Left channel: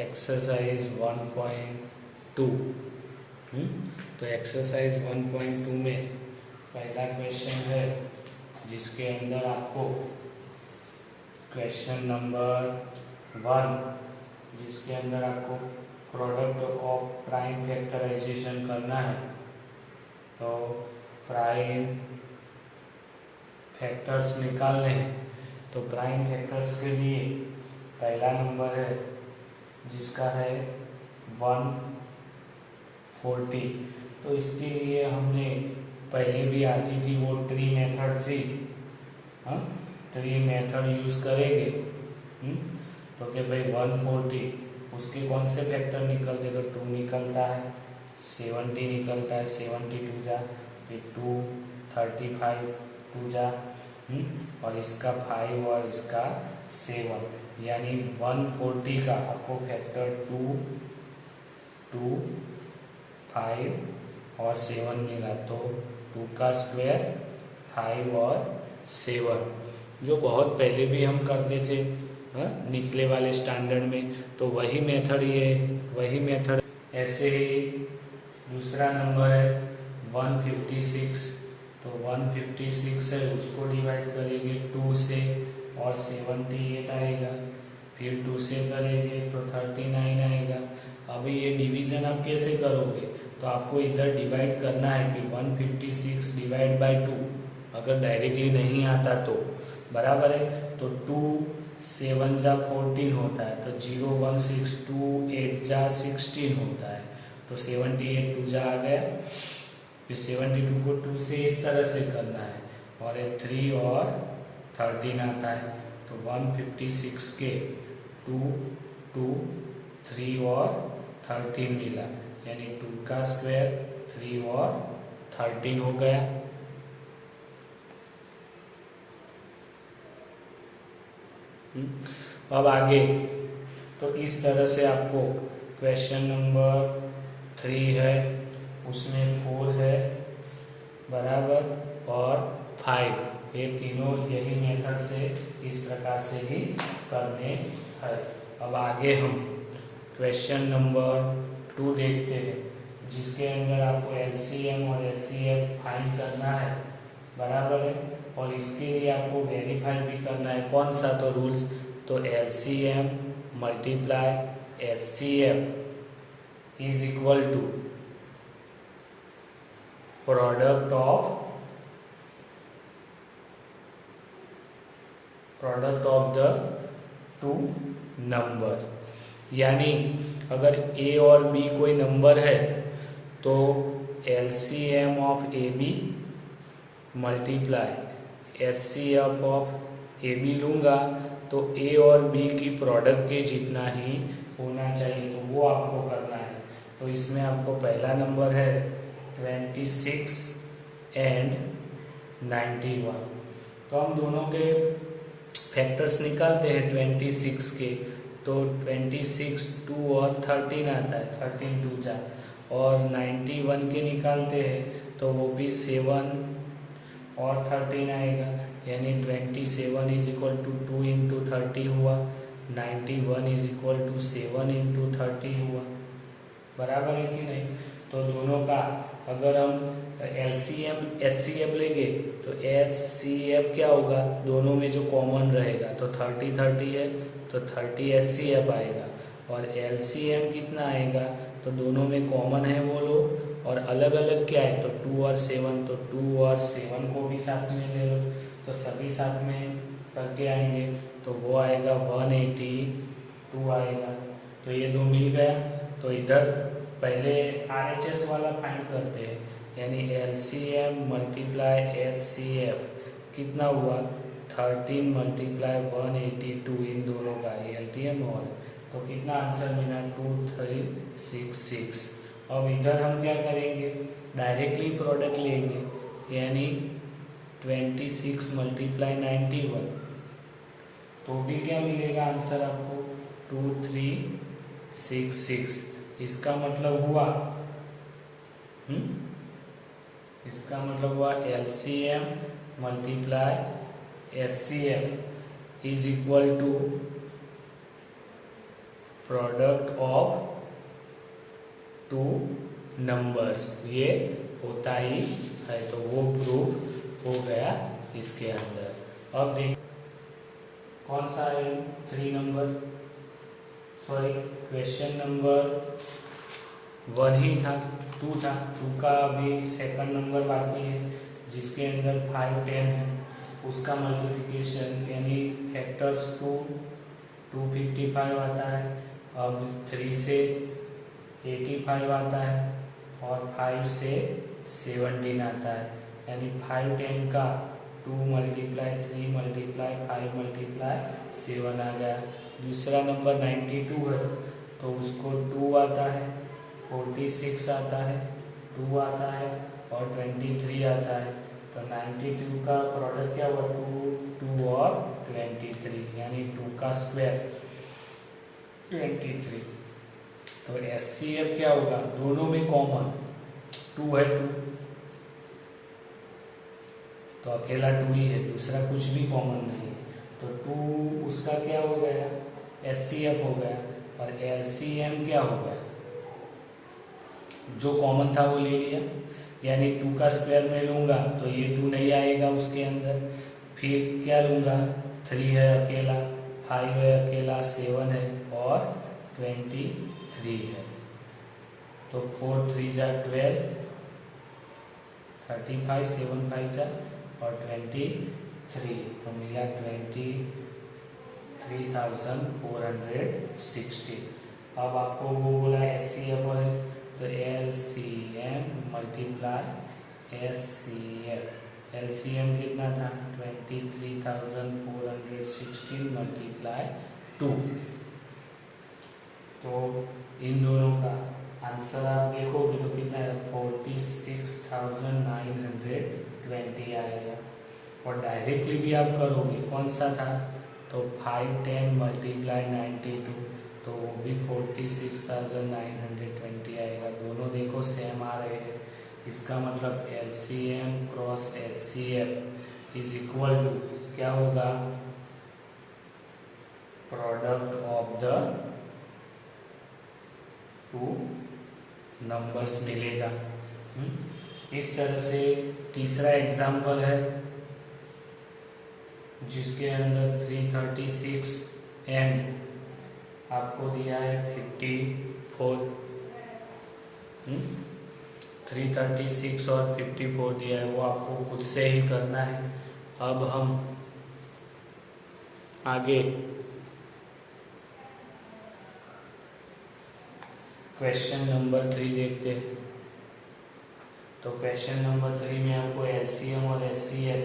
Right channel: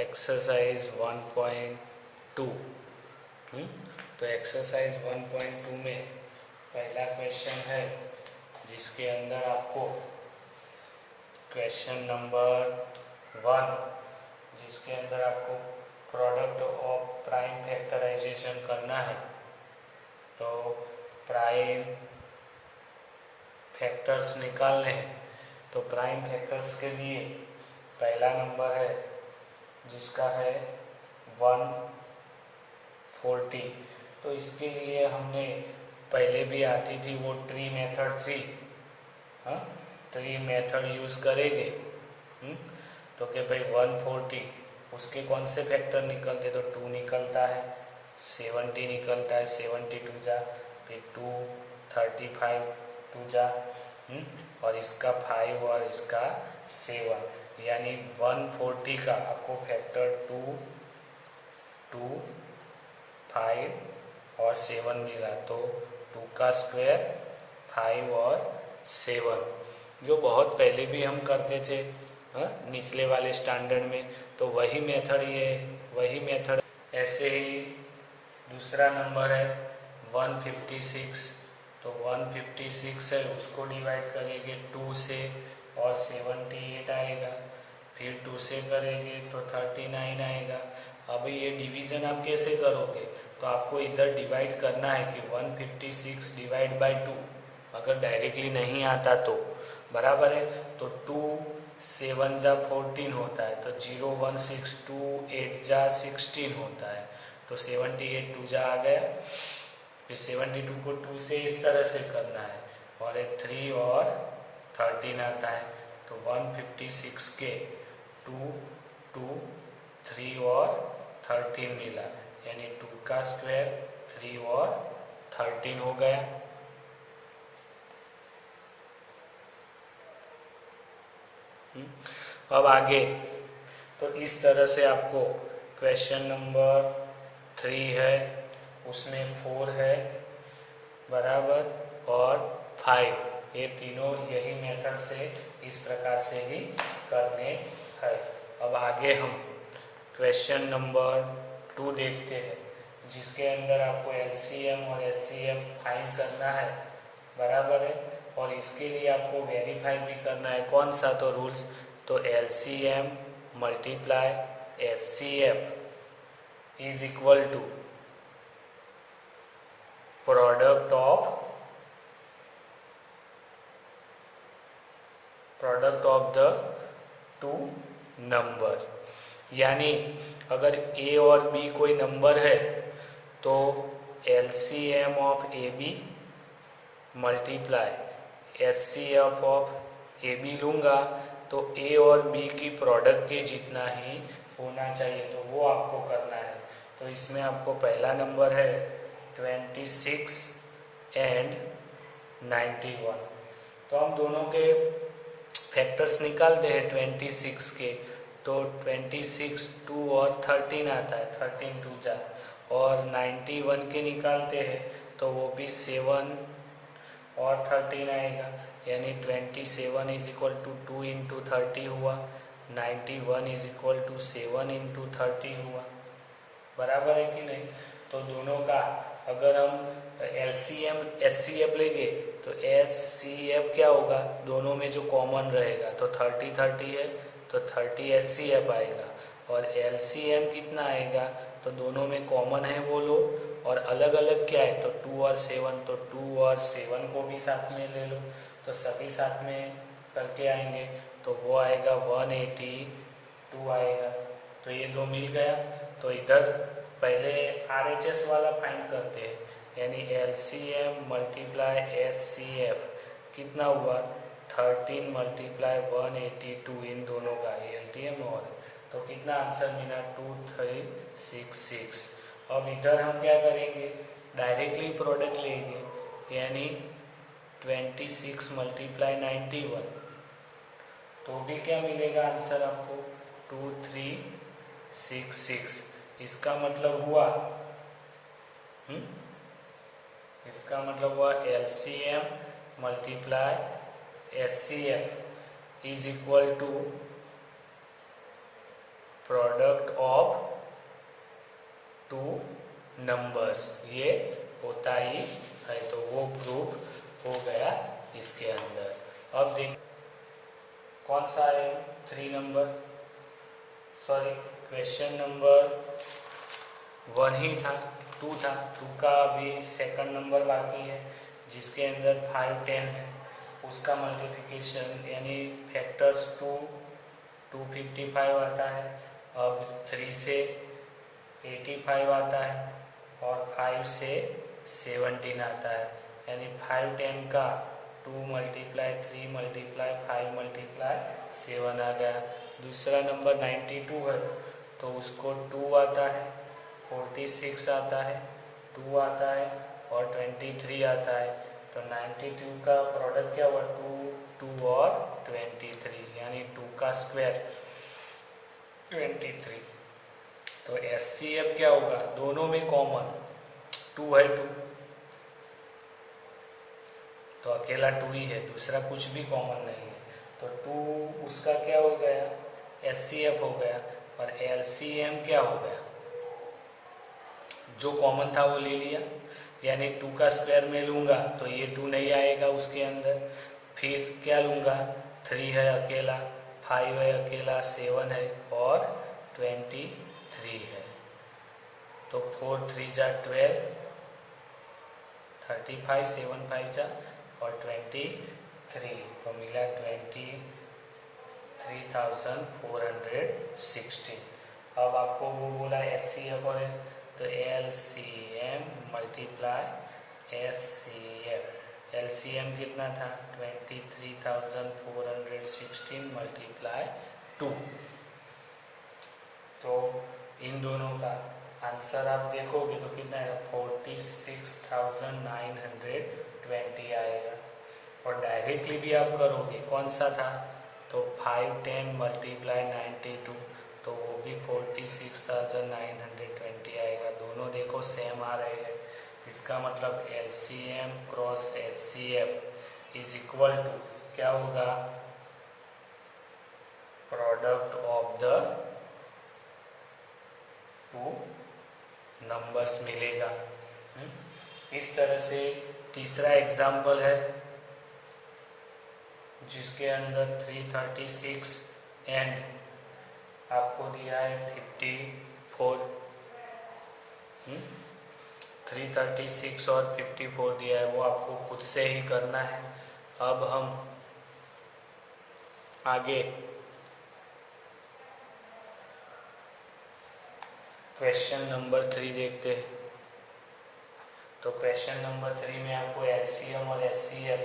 Exercise 1.2। तो exercise 1.2 में पहला क्वेश्चन है जिसके अंदर आपको क्वेश्चन नंबर 1 जिसके अंदर आपको प्रोडक्ट ऑफ प्राइम फैक्टराइजेशन करना है। तो प्राइम फैक्टर्स निकालने हैं। तो प्राइम फैक्टर्स के लिए पहला नंबर है जिसका है 140। तो इसके लिए हमने पहले भी आती थी वो ट्री मेथड थी, ट्री मेथड यूज करेंगे। तो क्या भाई 140 उसके कौन से फैक्टर निकलते, तो 2 निकलता है, 70 निकलता है, 72 जा, फिर 2 35 2 जा, और इसका 5 और इसका 7, यानी 140 का आपको फैक्टर 2 2 5 और 7 मिला। तो 2 का स्क्वायर 5 और 7, जो बहुत पहले भी हम करते थे निचले वाले स्टैंडर्ड में। तो वही मेथड ऐसे ही दूसरा नंबर है 156। तो 156 है, उसको डिवाइड करेंगे 2 से और 78 आएगा, फिर 2 से करेंगे तो 39 आएगा। अभी ये डिवीजन आप कैसे करोगे, तो आपको इधर डिवाइड करना है कि 156 डिवाइड बाय 2, अगर डायरेक्टली नहीं आता तो बराबर है। तो 2 7 जा 14 होता है, तो 0 1 6 2 8 जा 16 होता है, तो 78 2 जा आ गया। फिर 72 को 2 से इस तरह से करना है, और 3 और 13 आता है। तो 156 के 2 2 3 और 13 मिला, यानी 2 का स्क्वायर 3 और 13 हो गया। अब आगे तो इस तरह से आपको क्वेश्चन नंबर 3 है, उसमें 4 है बराबर और 5, ये तीनों यही मेथड से इस प्रकार से ही करने हैं। अब आगे हम क्वेश्चन नंबर 2 देखते हैं, जिसके अंदर आपको एलसीएम और एचसीएफ फाइंड करना है बराबर है, और इसके लिए आपको वेरीफाई भी करना है। कौन सा, तो रूल्स, तो LCM multiply HCF is equal to product of the 2 number. यानी अगर ए और बी कोई नंबर है तो LCM of A B multiply HCF of A B लूंगा, तो ए और बी की प्रोडक्ट के जितना ही होना चाहिए, तो वो आपको करना है। तो इसमें आपको पहला नंबर है 26 एंड 91। तो हम दोनों के फैक्टर्स निकालते हैं 26 के, तो 26 2 और 13 आता है, 13 2 जा, और 91 के निकालते हैं तो वो भी 7 और 13 आएगा, यानी 27 इज इक्वल टू 2 इंटू 30 हुआ, 91 इज इक्वल टू 7 इंटू 30 हुआ, बराबर है कि नहीं। तो दोनों का अगर हम एलसीएम एचसीएफ लेंगे तो एचसीएफ क्या होगा, दोनों में जो कॉमन रहेगा, तो 30 30 है तो 30 एचसीएफ आएगा, और एलसीएम कितना आएगा, तो दोनों में कॉमन है वो लो, और अलग अलग क्या है, तो 2 और 7, तो 2 और 7 को भी साथ में ले लो, तो सभी साथ में करके आएंगे, तो वो आएगा 182 आएगा। तो ये दो मिल गया। तो इधर पहले आरएचएस वाला फाइंड करते हैं, यानी एलसीएम मल्टीप्लाई एचसीएफ कितना हुआ, 13 मल्टीप्लाई 182, इन दोनों का एलटीएम और, तो कितना आंसर मिला 2366। अब इधर हम क्या करेंगे, डायरेक्टली प्रोडक्ट लेंगे, यानी 26 मल्टीप्लाई 91, तो भी क्या मिलेगा आंसर आपको 2366। इसका मतलब हुआ LCM multiply HCF is equal to product of two numbers, ये होता ही है, तो वो प्रूफ हो गया इसके अंदर। अब देख कौन सा है 3 नंबर, सॉरी क्वेश्चन नंबर 1 ही था, 2 था, 2 का अभी सेकंड नंबर बाकी है जिसके अंदर 5, 10 है, उसका मल्टीप्लिकेशन यानी फैक्टर्स 255 आता है। अब 3 से 85 आता है और 5 से 17 आता है, यानी 5, 10 का 2 मल्टीप्लाई 3 मल्टीप्लाई 5 मल्टीप्लाई 7 आ गया। दूसरा नंबर 92 है तो उसको 2 आता है, 46 आता है, 2 आता है और 23 आता है। तो 92 का प्रोडक्ट क्या हुआ, 2 और 23, यानी 2 का स्क्वायर 23। तो एचसीएफ क्या होगा, दोनों में कॉमन 2 है, 2 तो अकेला 2 ही है, दूसरा कुछ भी कॉमन नहीं है, तो 2 उसका क्या हो गया, एचसीएफ हो गया। और एलसीएम क्या हो गया, जो कॉमन था वो ले लिया, यानी 2 का स्क्वायर में लूंगा तो ये 2 नहीं आएगा उसके अंदर, फिर क्या लूंगा, 3 है अकेला, 5 है अकेला, 7 है और 23 है। तो 4 3 जा 12, 35, 7 5 जा और 23, तो मिला 23,460। अब आपको वो बोला एचसीएफ और तो एलसीएम मल्टीप्लाई एचसीएफ, एलसीएम कितना था 23,416 मल्टीप्लाई 2। तो इन दोनों का आंसर आप देखोगे तो कितना है 46,920 आएगा। और डायरेक्टली भी आप करोगे कौन सा था, तो 5 10 मल्टीप्लाई 92, तो वो भी 46,920 आएगा। दोनों देखो सेम आ रहे हैं, इसका मतलब LCM cross HCF is equal to क्या होगा, product of the two numbers मिलेगा। इस तरह से तीसरा एग्जाम्पल है जिसके अंदर 336 एंड आपको दिया है 54, 336 और 54 दिया है, वो आपको खुद से ही करना है। अब हम आगे क्वेश्चन नंबर 3 देखते हैं। तो क्वेश्चन नंबर 3 में आपको एलसीएम और एचसीएफ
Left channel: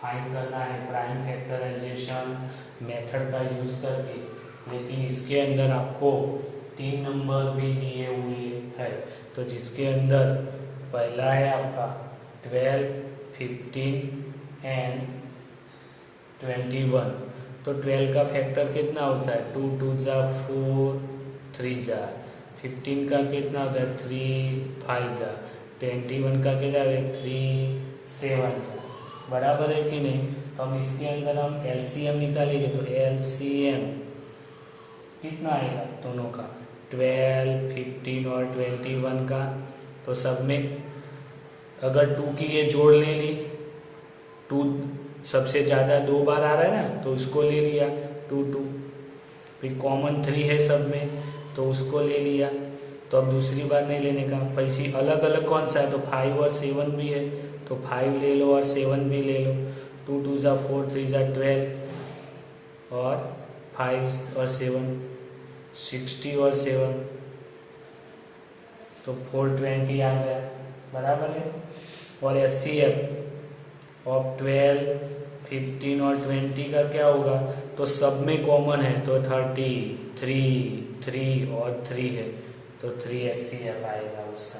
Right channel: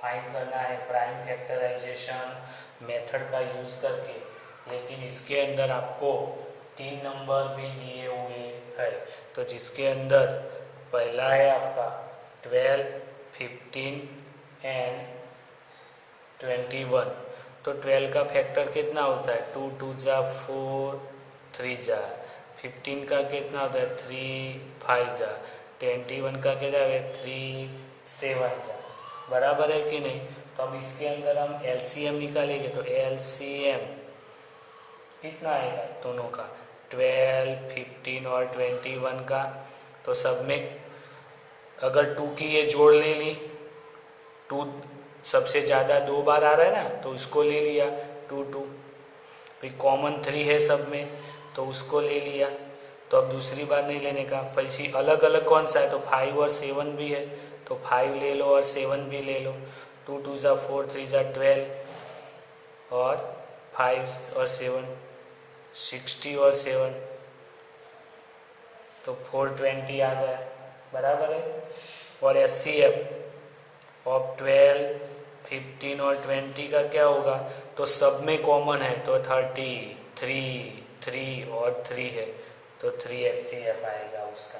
फाइंड करना है प्राइम फैक्टराइजेशन मेथड का यूज करके, लेकिन इसके अंदर आपको 3 नंबर भी दिए हुए है। तो जिसके अंदर पहला है आपका 12, 15 एंड 21। तो 12 का फैक्टर कितना होता है, 2 2 जा 4, 3 जा, 15 का कितना होता है 3 5 जा, 21 का कितना है 3 7 जा, बराबर है कि नहीं। तो हम इसके अंदर हम एलसीएम निकालेंगे, तो एलसीएम कितना आएगा दोनों का, 12, 15 और 21 का। तो सब में अगर 2 की ये जोड़ ले ली, 2 सबसे ज़्यादा 2 बार आ रहा है ना, तो उसको ले लिया 2 2, फिर कॉमन 3 है सब में तो उसको ले लिया। तो अब दूसरी बार नहीं लेने का, पैसे अलग अलग कौन सा है, तो 5 और 7 भी है तो 5 ले लो और 7 भी ले लो। 2 2 जा 4, 3 जा 12 और 5 और 7 60 और 7, तो 420 आ गया, बराबर है। और एचसीएफ ऑफ 12, 15 और 20 का क्या होगा, तो सब में कॉमन है तो 30, 3 और 3 है तो 3 एचसीएफ आएगा उसका,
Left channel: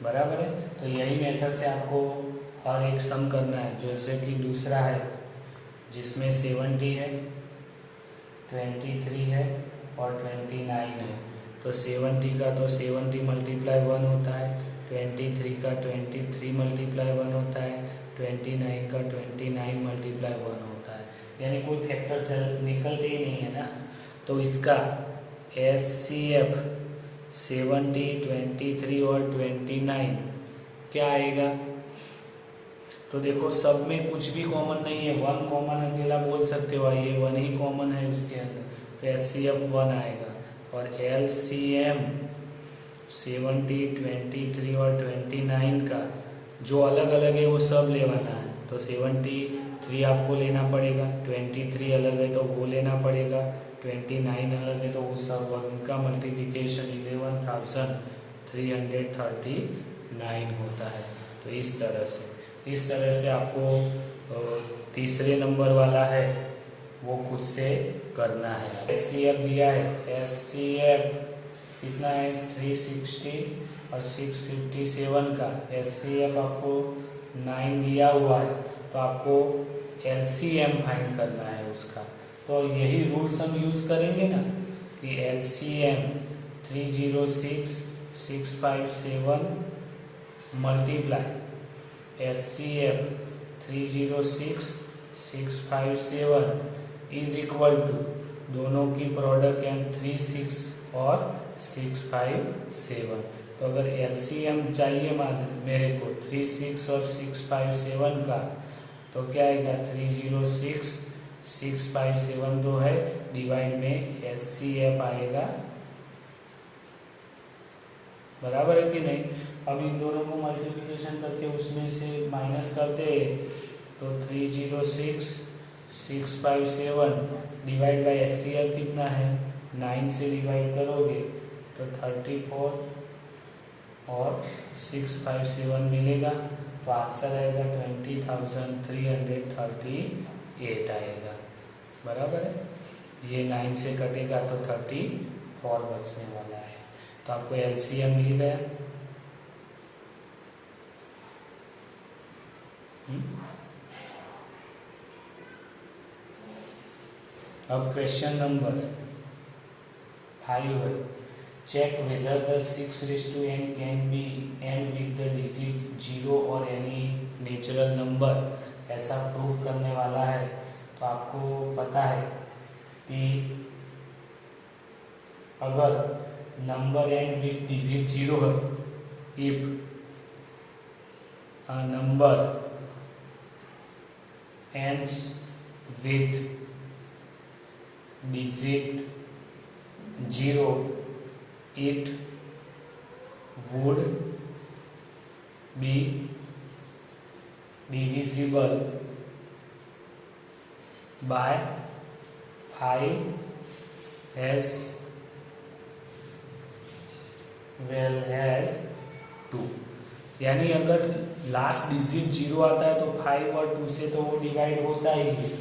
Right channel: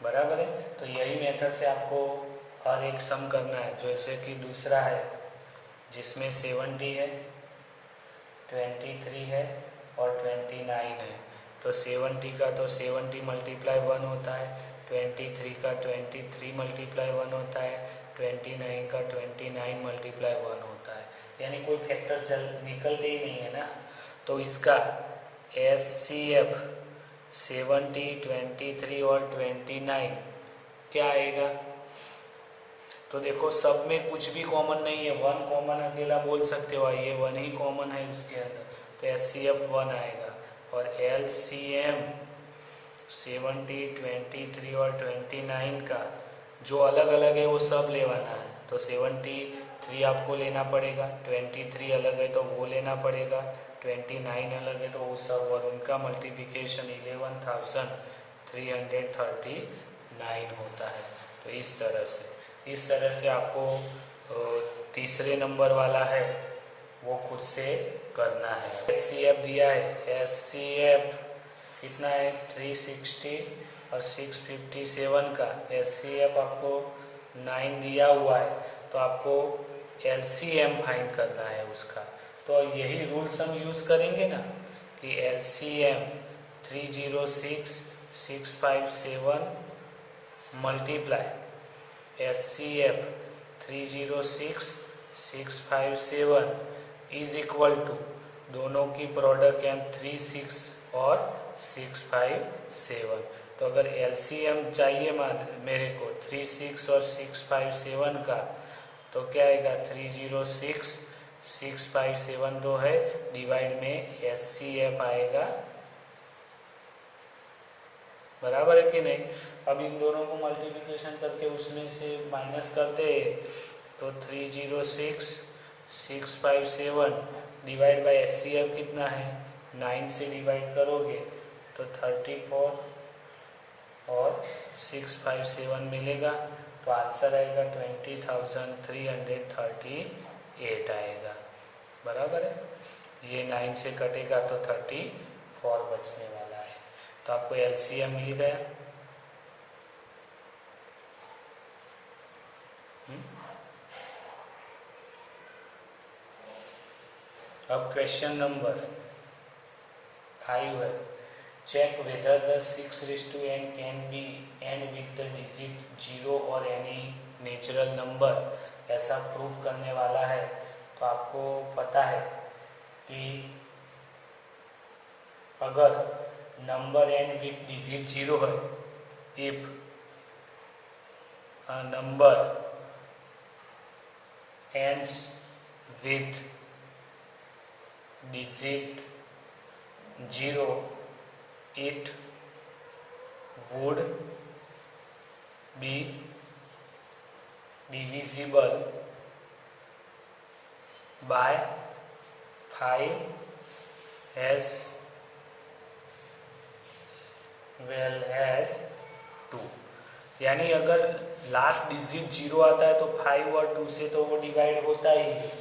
बराबर है। तो यही मेथड से आपको हर एक सम करना है। जैसे कि दूसरा है जिसमें 70 है, 23 है और 29 है। तो 70 का तो 70 मल्टीप्लाई 1 होता है, 23 का 23 मल्टीप्लाई 1 होता है, 29 का 29 मल्टीप्लाई 1 होता है, यानी कोई फैक्टर निकलते ही नहीं है ना। तो इसका HCF 70, 23 और 29 क्या आएगा? तो देखो सब में कुछ भी कॉमन नहीं है, 1 कॉमन अकेला बोल सकते हो, ये 1 ही कॉमन है उसके अंदर, तो HCF 1 आएगा। और LCM 70, 23 और 29 का जो अलग अलग है वो सब लेवाना है। तो 73 आपको लेना पड़ेगा, 23 अलग है तो वो लेना पड़ेगा, 29 अलग है तो वो सब, और उनका मल्टीप्लिकेशन 11,339 होता है। तो इस तरह से आपको तीसरे नंबर वाला है वो खुद से करना है। HCF दिया है, HCF कितना है 360 और 657 का HCF आपको 9 दिया हुआ है, तो आपको LCM फाइंड करना है उसका। तो यही रूल्स हम यूज करेंगे ना कि LCM 306,657 multiply HCF 306,657 is equal to दोनों की प्रोडक्ट यानी 36 और 657। तो अगर LCM चाहिए मेरे को 36 और 657 का, तो क्या आएगा 306,657 तो है, डिवाइड में HCF आएगा, बराबर है कि नहीं। अब इन दोनों को मल्टीप्लिकेशन करके उसमें से माइनस करते हैं, तो 306,657 डिवाइड बाय HCF कितना है 9 से डिवाइड करोगे तो 34 और 657 मिलेगा, तो आंसर आएगा 20,338 आएगा, बराबर है। ये 9 से कटेगा तो 34 बचने वाला है। तो आपको LCM मिल गया। अब क्वेश्चन नंबर 5 है, check whether the 6:n can be end with the digit 0 और एनी नेचुरल नंबर, ऐसा प्रूव करने वाला है। तो आपको पता है कि अगर नंबर एंड विद डिजिट 0 है, if a number ends with digit 0, it would be divisible by 5 as well as 2। यानी अगर लास्ट डिजिट 0 आता है तो 5 और 2 से तो वो डिवाइड होता ही है।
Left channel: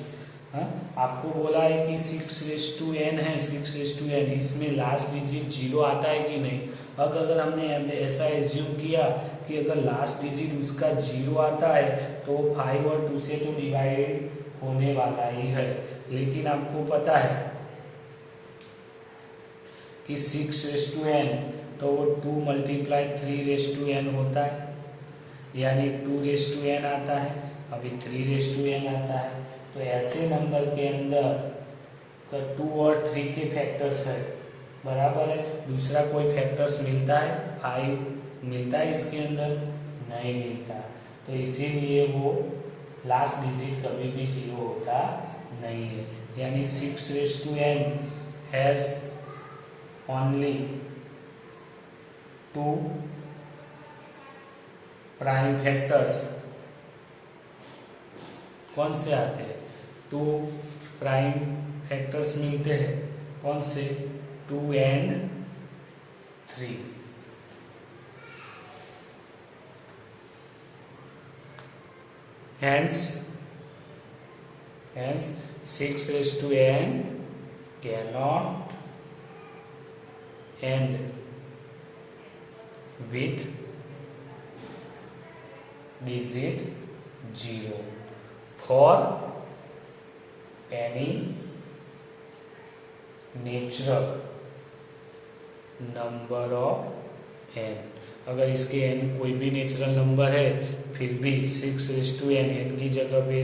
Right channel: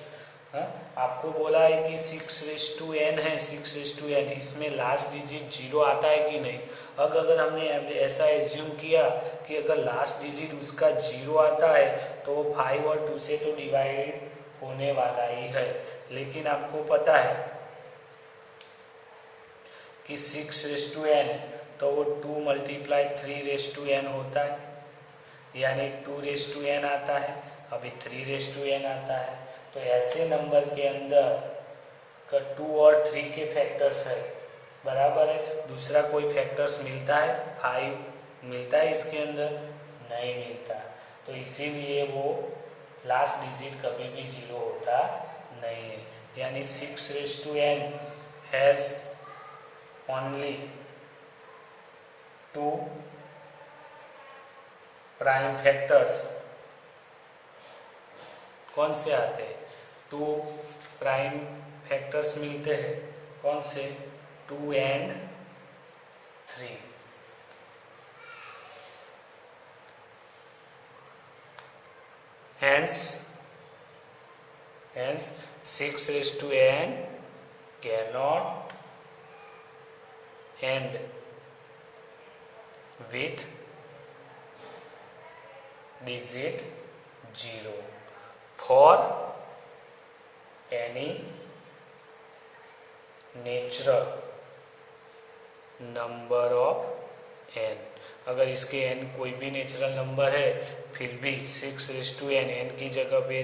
आपको बोला है कि 6:n है, 6:n, इसमें लास्ट डिजिट 0 आता है कि नहीं। अगर हमने ऐसा एज्यूम किया कि अगर लास्ट डिजिट उसका 0 आता है तो 5 और 2 से तो डिवाइड होने वाला ही है, लेकिन आपको पता है कि 6:n तो वो 2 × 3:n होता है, यानी 2:n आता है, अभी 3:n आता है। तो ऐसे नंबर के अंदर का 2 और 3 के फैक्टर्स है, बराबर है। दूसरा कोई फैक्टर्स मिलता है, 5 मिलता है इसके अंदर, नहीं मिलता। तो इसीलिए वो लास्ट डिजिट कभी भी 0 होता नहीं है। यानी 6:n has only 2 prime factors. कौन से आते हैं? 2 प्राइम फैक्टर्स मिलते हैं, कौन से? 2 and 3। Hence 6:n cannot end with digit 0 for any natural number of n। अगर इसके n कोई भी नेचुरल नंबर है फिर भी 6:n, n की जगह पे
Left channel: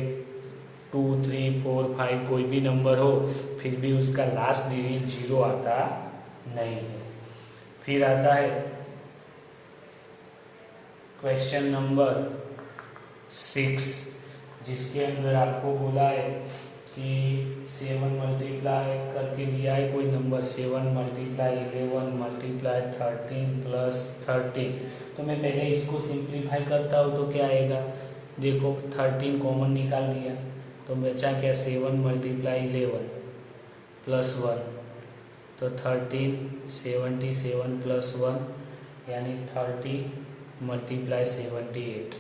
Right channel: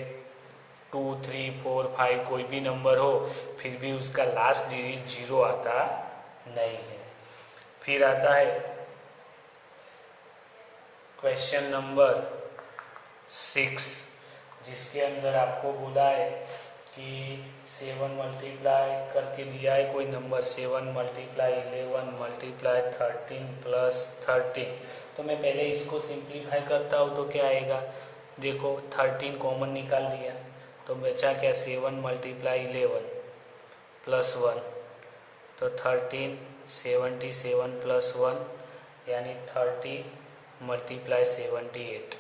2, 3, 4, 5 कोई भी नंबर हो, फिर भी उसका लास्ट डिजिट 0 आता नहीं है। फिर आता है क्वेश्चन नंबर 6, जिसके अंदर आपको बोला है कि 7 मल्टीप्लाई करके दिया है कोई नंबर, 7 मल्टीप्लाई 11 मल्टीप्लाई 13 प्लस 13। तो मैं पहले इसको सिंप्लीफाई करता हूँ तो क्या आएगा, देखो 13 कॉमन निकाल दिया तो बचा क्या, 7 मल्टीप्लाई 11 प्लस 1, तो 13, 77 प्लस 1 यानी 30 मल्टीप्लाई 78।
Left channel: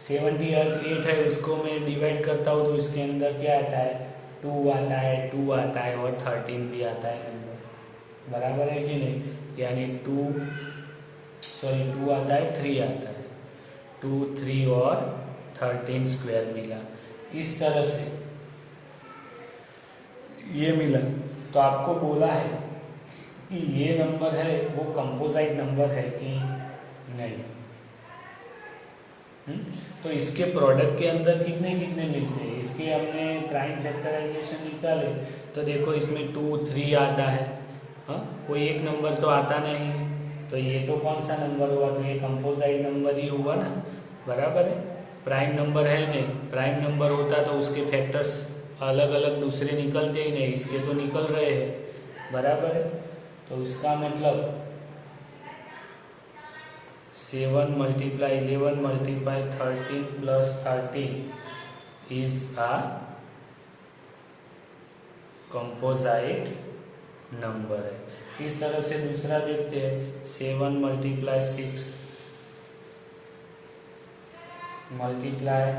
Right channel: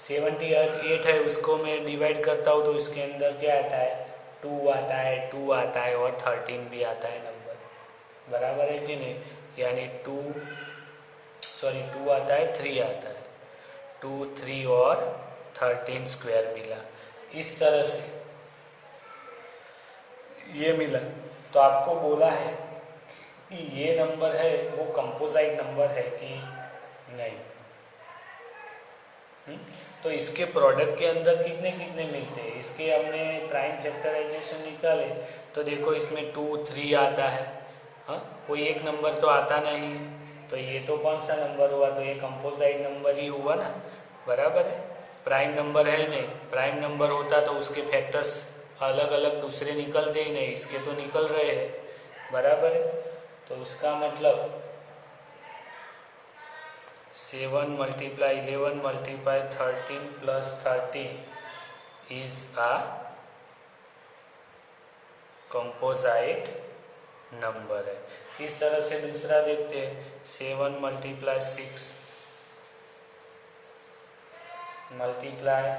78 है, उसको मैं डिवाइड करता हूँ तो उसके अंदर क्या आता है, 2 आता है, 2 आता है और 13 भी आता है नंबर, बराबर है कि नहीं। यानी 2 आता है, 3 आता है, 2, 3 और 13 स्क्वायर मिला। इस तरह से ये मिला। तो आपको बोला है कि ये नंबर है वो कंपोजिट नंबर है कि नहीं। तो इसके प्रोडक्ट के अंदर कितने कितने मिलते हैं, इसके हमने प्राइम फैक्टराइजेशन निकाले तो देखो इसमें 2, 3 आता है, हाँ कोई एक नंबर तो आता नहीं है, तो ये तो कौन सा नंबर हुआ, तो ये कंपोजिट नंबर ही हुआ ना, बराबर है। प्राइम नंबर है नहीं, प्राइम नंबर होता तो उसके फैक्टर्स अलग अलग दूसरे निकलते ही नहीं, इसके तो निकल रहे हैं, बराबर है। तो इसका मतलब 7 multiply 11 multiply 13 plus 13 is a composite number है। इस तरह से दूसरा देखते हैं, 7 multiply 6 multiply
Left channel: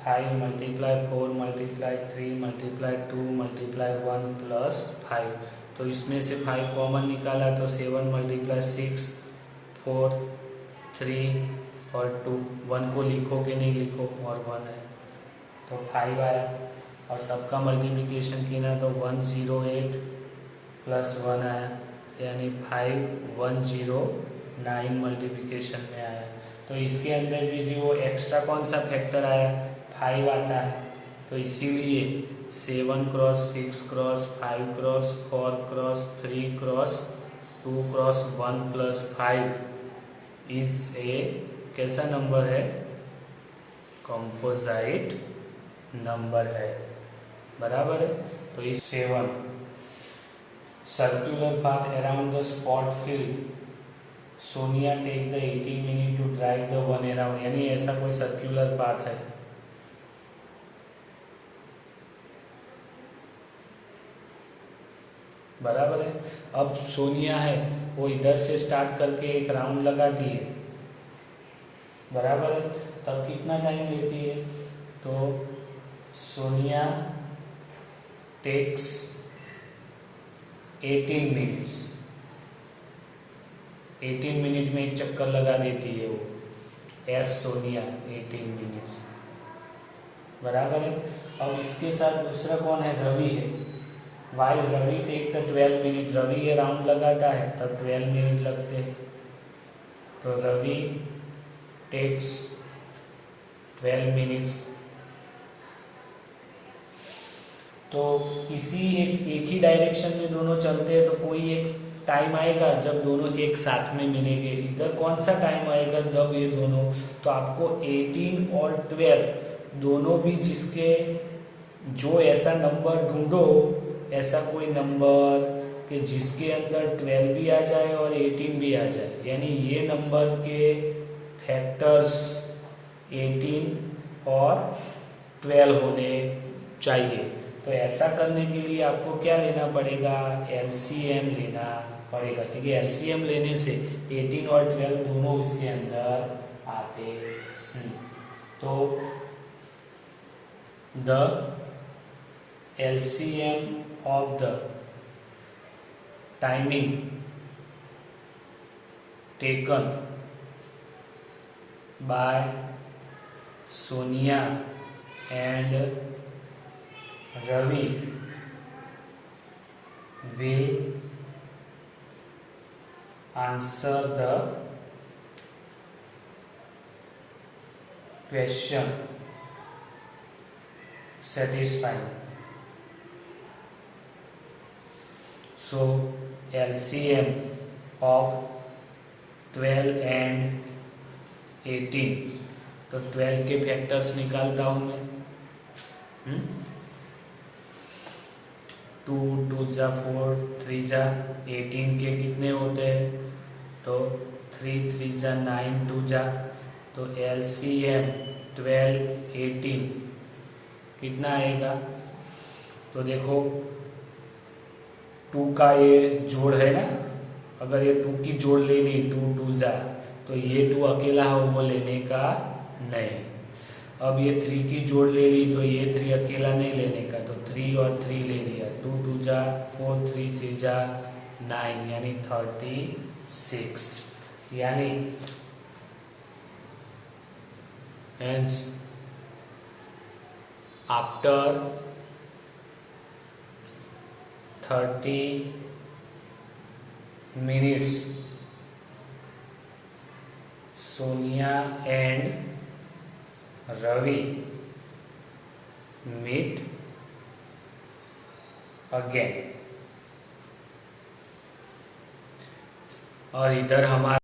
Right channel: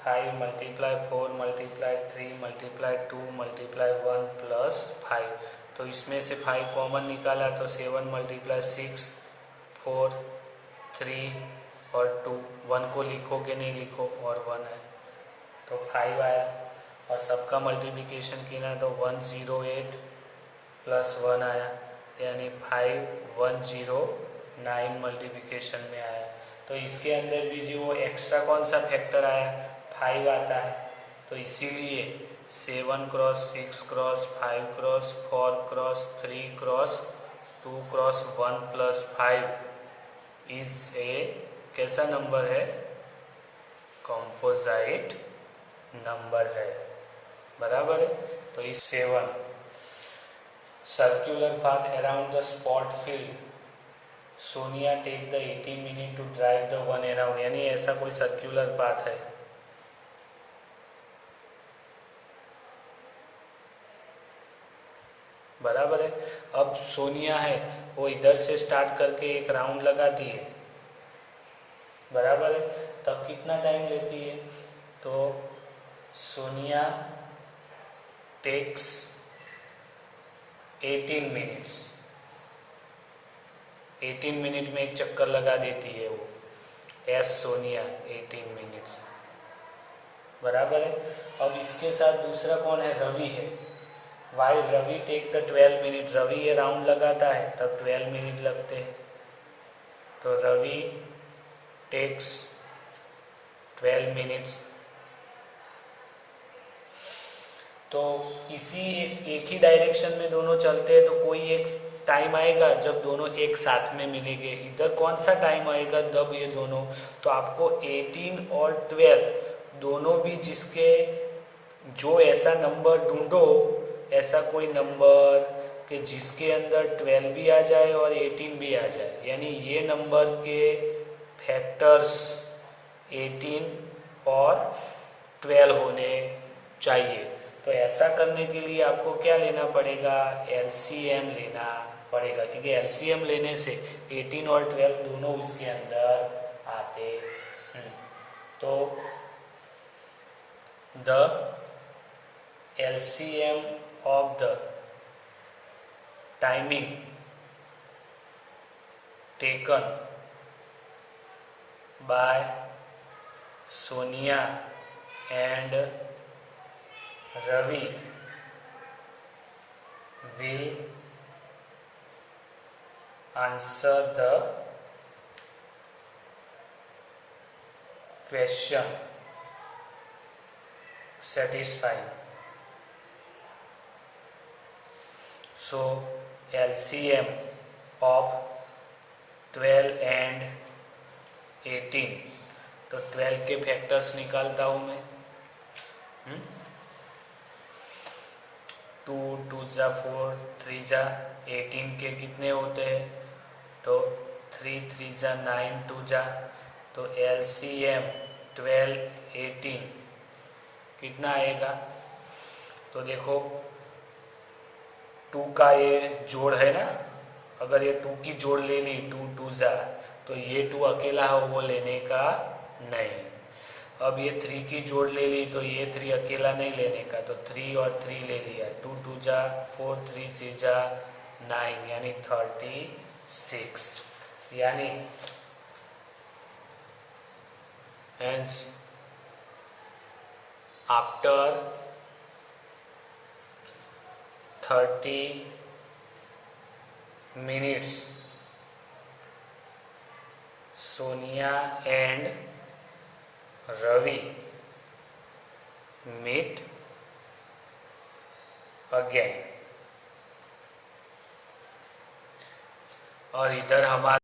5 multiply 4 multiply 3 multiply 2 multiply 1 plus 5। तो इसमें से 5 कॉमन निकाला तो 7 मल्टीप्लाई 6, 4, 3 और 2, 1 को लिखो कि नहीं लिखो, और 1 है तो 5 आया, और सबका मल्टीप्लिकेशन किया तो 108 प्लस 1 आया, यानी 5109 मल्टीप्लिकेशन में आया। तो इसके अंदर भी जो एक्स्ट्रा कौन सा फैक्टर आया, 5 आता है, तो इसीलिए 7 cross 6 cross 5 cross 4 cross 3 cross 2 cross 1 plus 5 is a कैसा नंबर है, कंपोजिट नंबर है, बराबर है। तो इस 7 circular path around the spot field, Sonia take the 18 minute to drive the one around, यानी ऐसा कोई सर्कुलर पाथ है, बराबर है। अब सोनिया है वो इधर से स्टार्ट करके एक राउंड लगाती है, बराबर है, तब कितना टाइम लेती है, तो सोनिया टेक्स 18 मिनट्स, 18 मिनट में एक चक्कर लगा देती है वो, एस सोनिया 18 मिनट्स, बराबर है। अब इसके साथ दूसरा कौन है, रवि है, while Ravi take the 12 minute, Ravi ये राउंड लगाता है तब 12 मिनट लगते हैं, तो रवि टेक्स 12 मिनट्स। तो इसी एक ही डायरेक्शन में दोनों चलते हैं, तो कोई एक टाइम आएगा जब दोनों एक साथ में मिलेंगे, इधर कौन सा टाइम आएगा जब ये दोनों, तो आपको 18 और 12 दोनों भी जिसके जो ऐसा नंबर ढूंढो, ऐसा कोई नंबर कि जिसके अंदर 12 भी आ जाए और 18 भी आ जाए, यानी ये नंबर के फैक्टर्स 18 और 12 होने चाहिए। तो ऐसा करने के लिए आपको क्या लेना पड़ेगा, एलसीएम लेना पड़ेगा, क्योंकि एलसीएम लेने से 18 और 12 दोनों उसके अंदर आते हैं। तो the LCM of the timing taken by Sonia and Ravi will answer the question satisfy. So LCM of 12 and 18, तो 12 के फैक्टर्स निकालता हूं मैं। 2 2 जा 4, 3 जा 18 के कितने होते हैं, तो 3 3 जा 9, 2 जा, तो LCM 12 18 कितना आएगा, तो देखो 2 का ये जोड़ है ना, अगर ये 2 की जोड़ ले ली 2 2 जा, तो ये 2 अकेला हो वो लेने का नहीं। अब ये 3 की जोड़ ले ली तो ये 3 अकेला नहीं लेने का, तो 3 और 3 ले लिया, 2 2 जा 4, 3 3 जा 9, यानी 36, यानी hence after 30 minutes Sonia and Ravi meet again। और इधर हमारा